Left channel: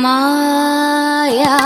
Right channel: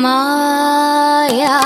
माया